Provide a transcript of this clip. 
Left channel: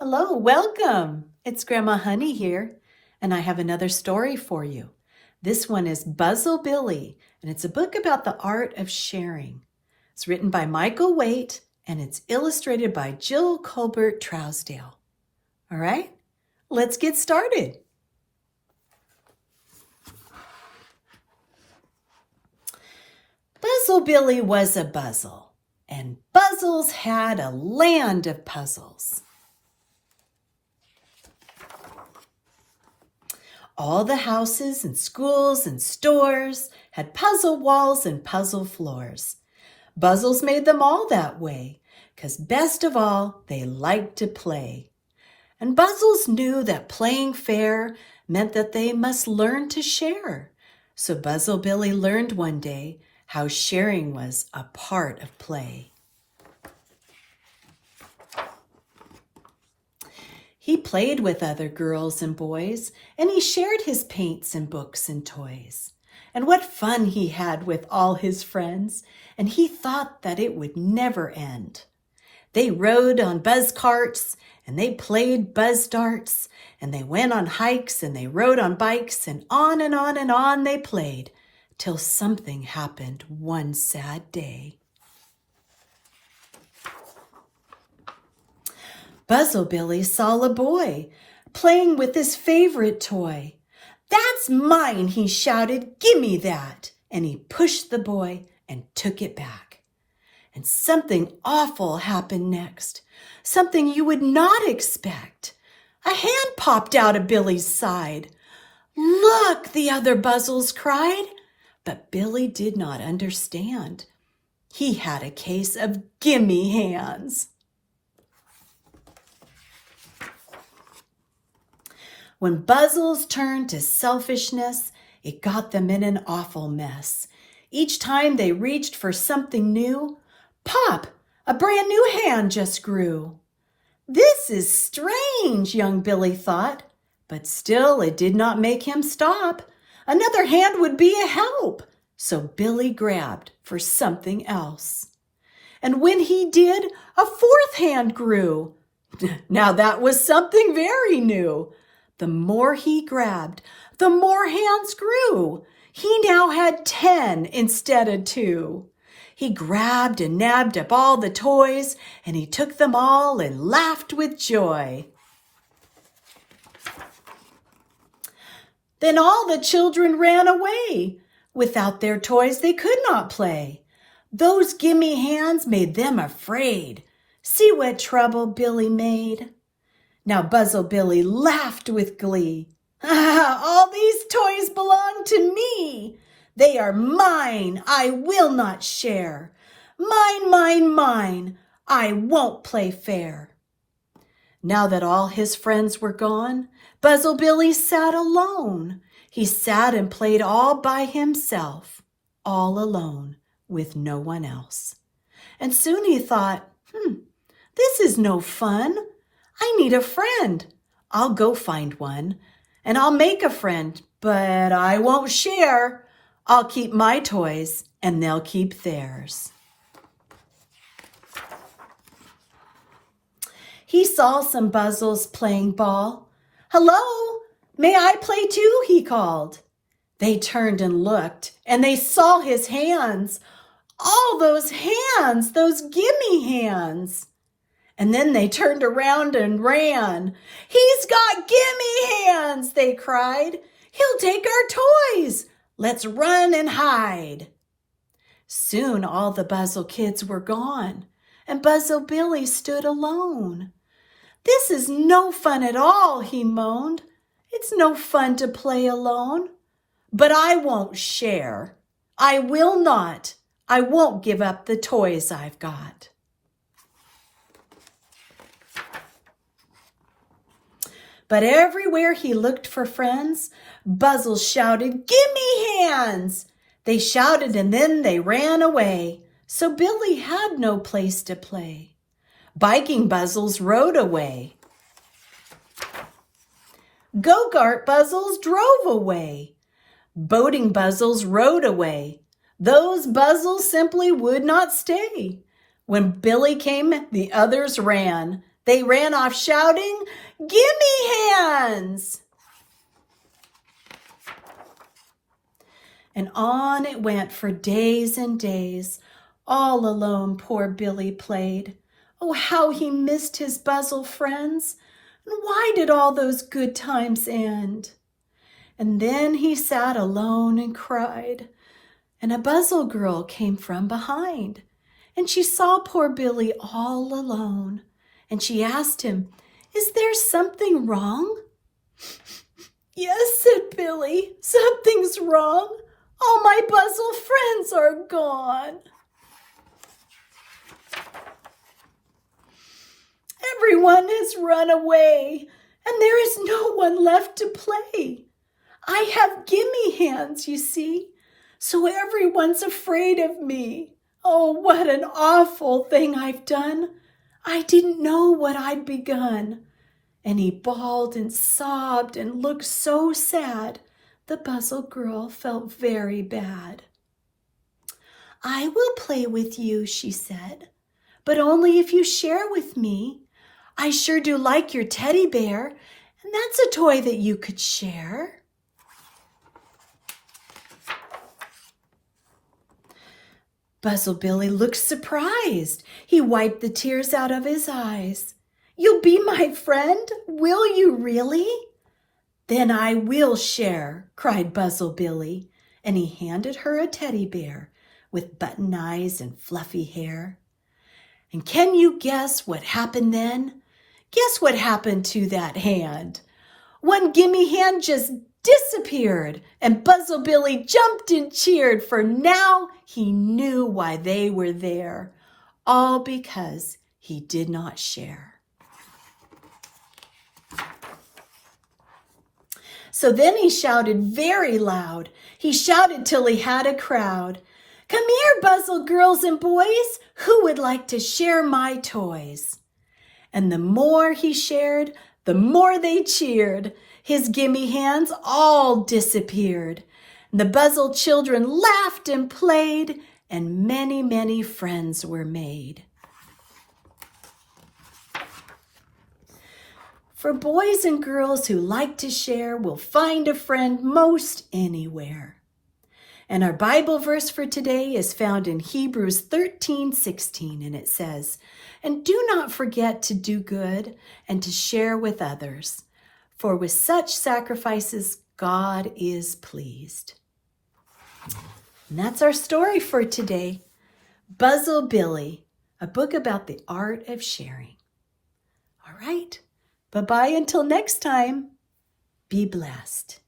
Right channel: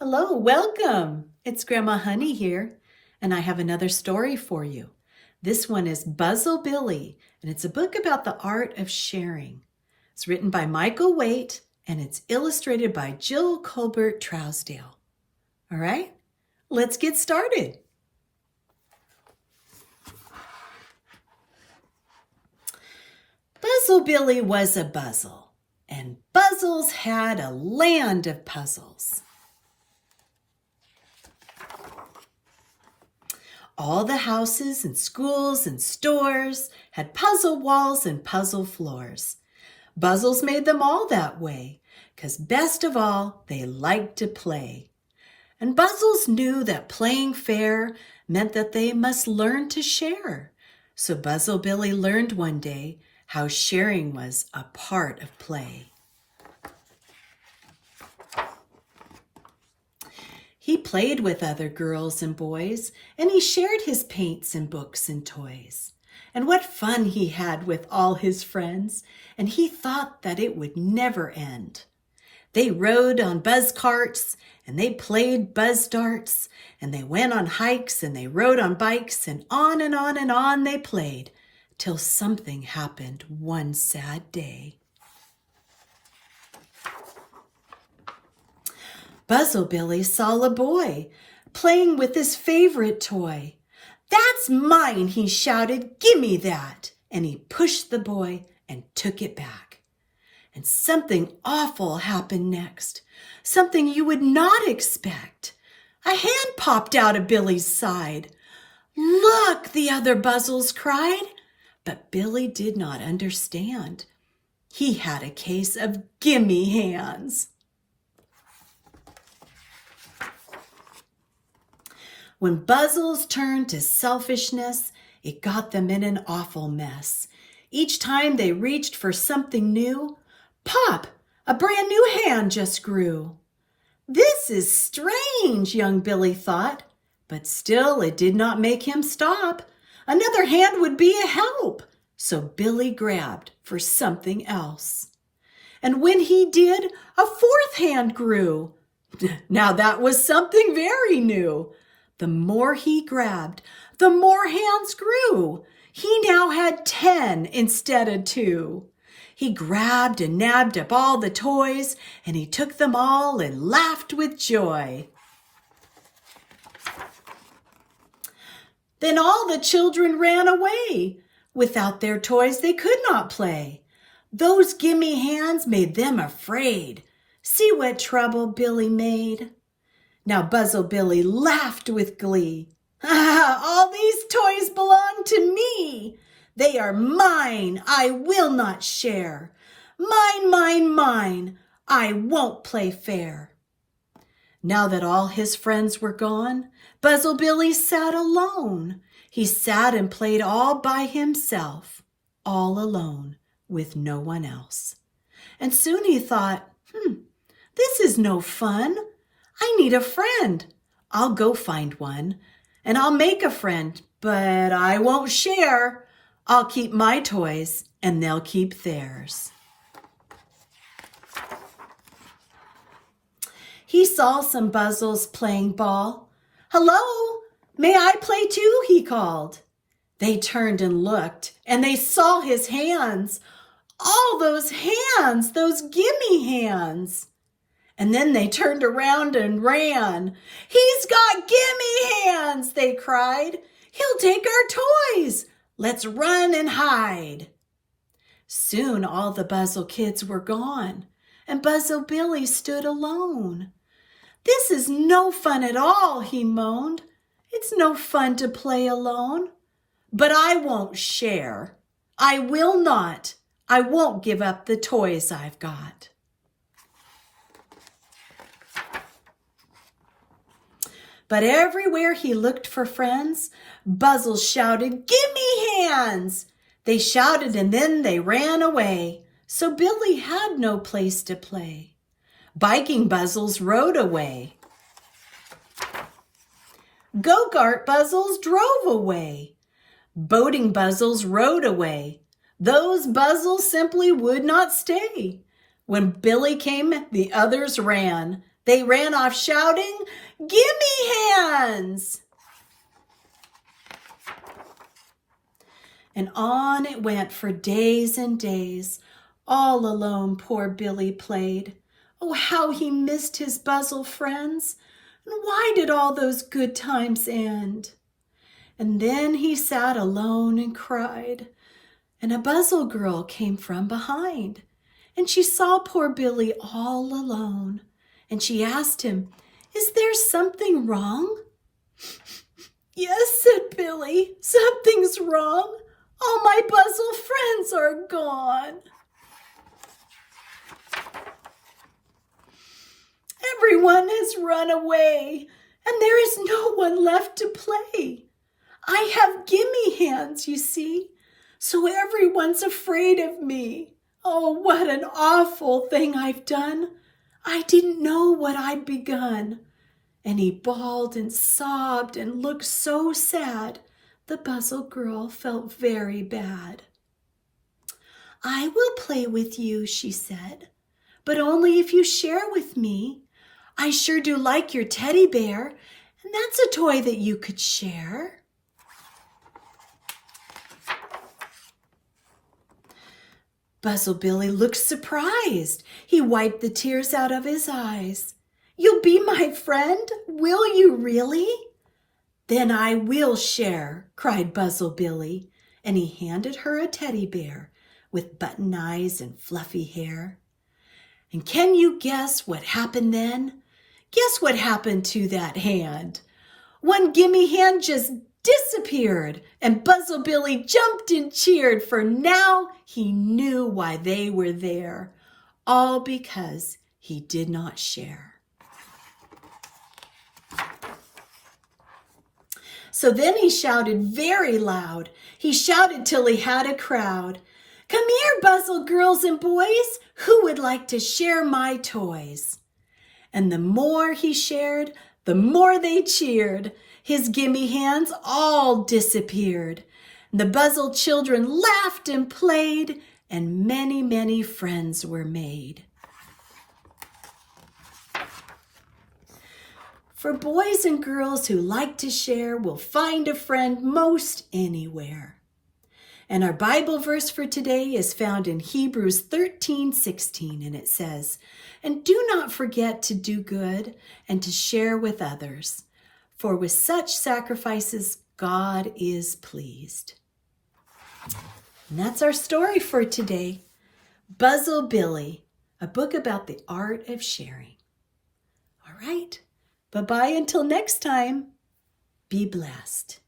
Hello, welcome. It's Grandma Honey here, and I have another story for you. This one is Buzzle Billy, and it's a book about the art of sharing. It's written by Michael Waite, and it's illustrated by Jill Colbert Trousdale. All right, let's get started. Buzzle Billy was a Buzzle, and Buzzles had a land of puzzles. All the houses and schools and stores had puzzle walls and puzzle floors. Buzzles made them all that way, 'cause best of all, they liked to play. And Buzzles knew that playing fair meant that they must learn to share. So Buzzle Billy learned one day how sharing was a part of play. He played with other girls and boys, and he shared his paints and books and toys. And what fun he had with all his friends, and he thought that it would never end. They rode on buzz carts, and they played buzz darts, and they went on hikes, and they rode on bikes, and on and on and on they played, till something happened one sad day. Buzzle Billy saw a boy playing with his favorite toy. "That's mine," he shouted, "gimme that." And he pushed the boy and took it back. And something awful happened next, something you would not expect. A hand popped out of Billy's side. "Look," the other Buzzles cried. But Billy did not understand. He had a case of gimme hands. When Buzzles turned to selfishness, it got them in an awful mess. Each time they reached for something new, pop, a brand new hand just grew. This is strange, young Billy thought, but still it did not make him stop. Another hand would be a help, so Billy grabbed for something else. And when he did, a fourth hand grew. Now that was something very new. The more he grabbed, the more hands grew. He now had 10 instead of 2. He grabbed and nabbed up all the toys, and he took them all and laughed with joy. Then all the children ran away. Without their toys, they could not play. Those gimme hands made them afraid. See what trouble Billy made. Now Buzzle Billy laughed with glee. All these toys belong to me. They are mine. I will not share. Mine, mine, mine. I won't play fair. Now that all his friends were gone, Buzzle Billy sat alone. He sat and played all by himself, all alone, with no one else. And soon he thought, this is no fun. I need a friend. I'll go find one, and I'll make a friend, but I won't share. I'll keep my toys, and they'll keep theirs. He saw some Buzzles playing ball. "Hello, may I play too?" he called. They turned and looked, and they saw his hands. All those hands, those gimme hands. And then they turned around and ran. "He's got gimme hands," they cried. "He'll take our toys. Let's run and hide." Soon all the Buzzle kids were gone, and Buzzle Billy stood alone. "This is no fun at all," he moaned. "It's no fun to play alone. But I won't share. I will not. I won't give up the toys I've got." But everywhere he looked for friends, Buzzle shouted, "Gimme hands!" They shouted and then they ran away, so Billy had no place to play. Biking Buzzles rode away. Go-kart Buzzles drove away. Boating Buzzles rode away. Those Buzzles simply would not stay. When Billy came, the others ran. They ran off shouting, "Gimme hands!" And on it went for days and days. All alone poor Billy played. Oh, how he missed his Buzzle friends. And why did all those good times end? And then he sat alone and cried. And a Buzzle girl came from behind. And she saw poor Billy all alone. And she asked him, "Is there something wrong?" "Yes," said Billy, "something's wrong. All my Buzzle friends are gone." "Everyone has run away, and there is no one left to play. I have gimme hands, you see, so everyone's afraid of me. Oh, what an awful thing I've done. I didn't know what I'd begun." And he bawled and sobbed and looked so sad. The Buzzle girl felt very bad. "I will play with you," she said, "but only if you share with me. I sure do like your teddy bear, and that's a toy that you could share." Buzzle Billy looked surprised. He wiped the tears out of his eyes. "You'll be my friend? Will you really?" "Then I will share," cried Buzzle Billy, and he handed her a teddy bear with button eyes and fluffy hair. And can you guess what happened then? Guess what happened to that hand? One gimme hand just disappeared, and Buzzle Billy jumped and cheered, for now he knew why they were there, all because he did not share. So then he shouted very loud. He shouted till he had a crowd. "Come here, Buzzle girls and boys, who would like to share my toys?" And the more he shared, the more they cheered. His gimme hands all disappeared. And the Buzzle children laughed and played, and many, many friends were made. For boys and girls who like to share will find a friend most anywhere. And our Bible verse for today is found in Hebrews 13:16, and it says, "And do not forget to do good and to share with others, for with such sacrifices God is pleased." And that's our story for today. Buzzle Billy, a book about the art of sharing. All right. Bye-bye until next time. Be blessed.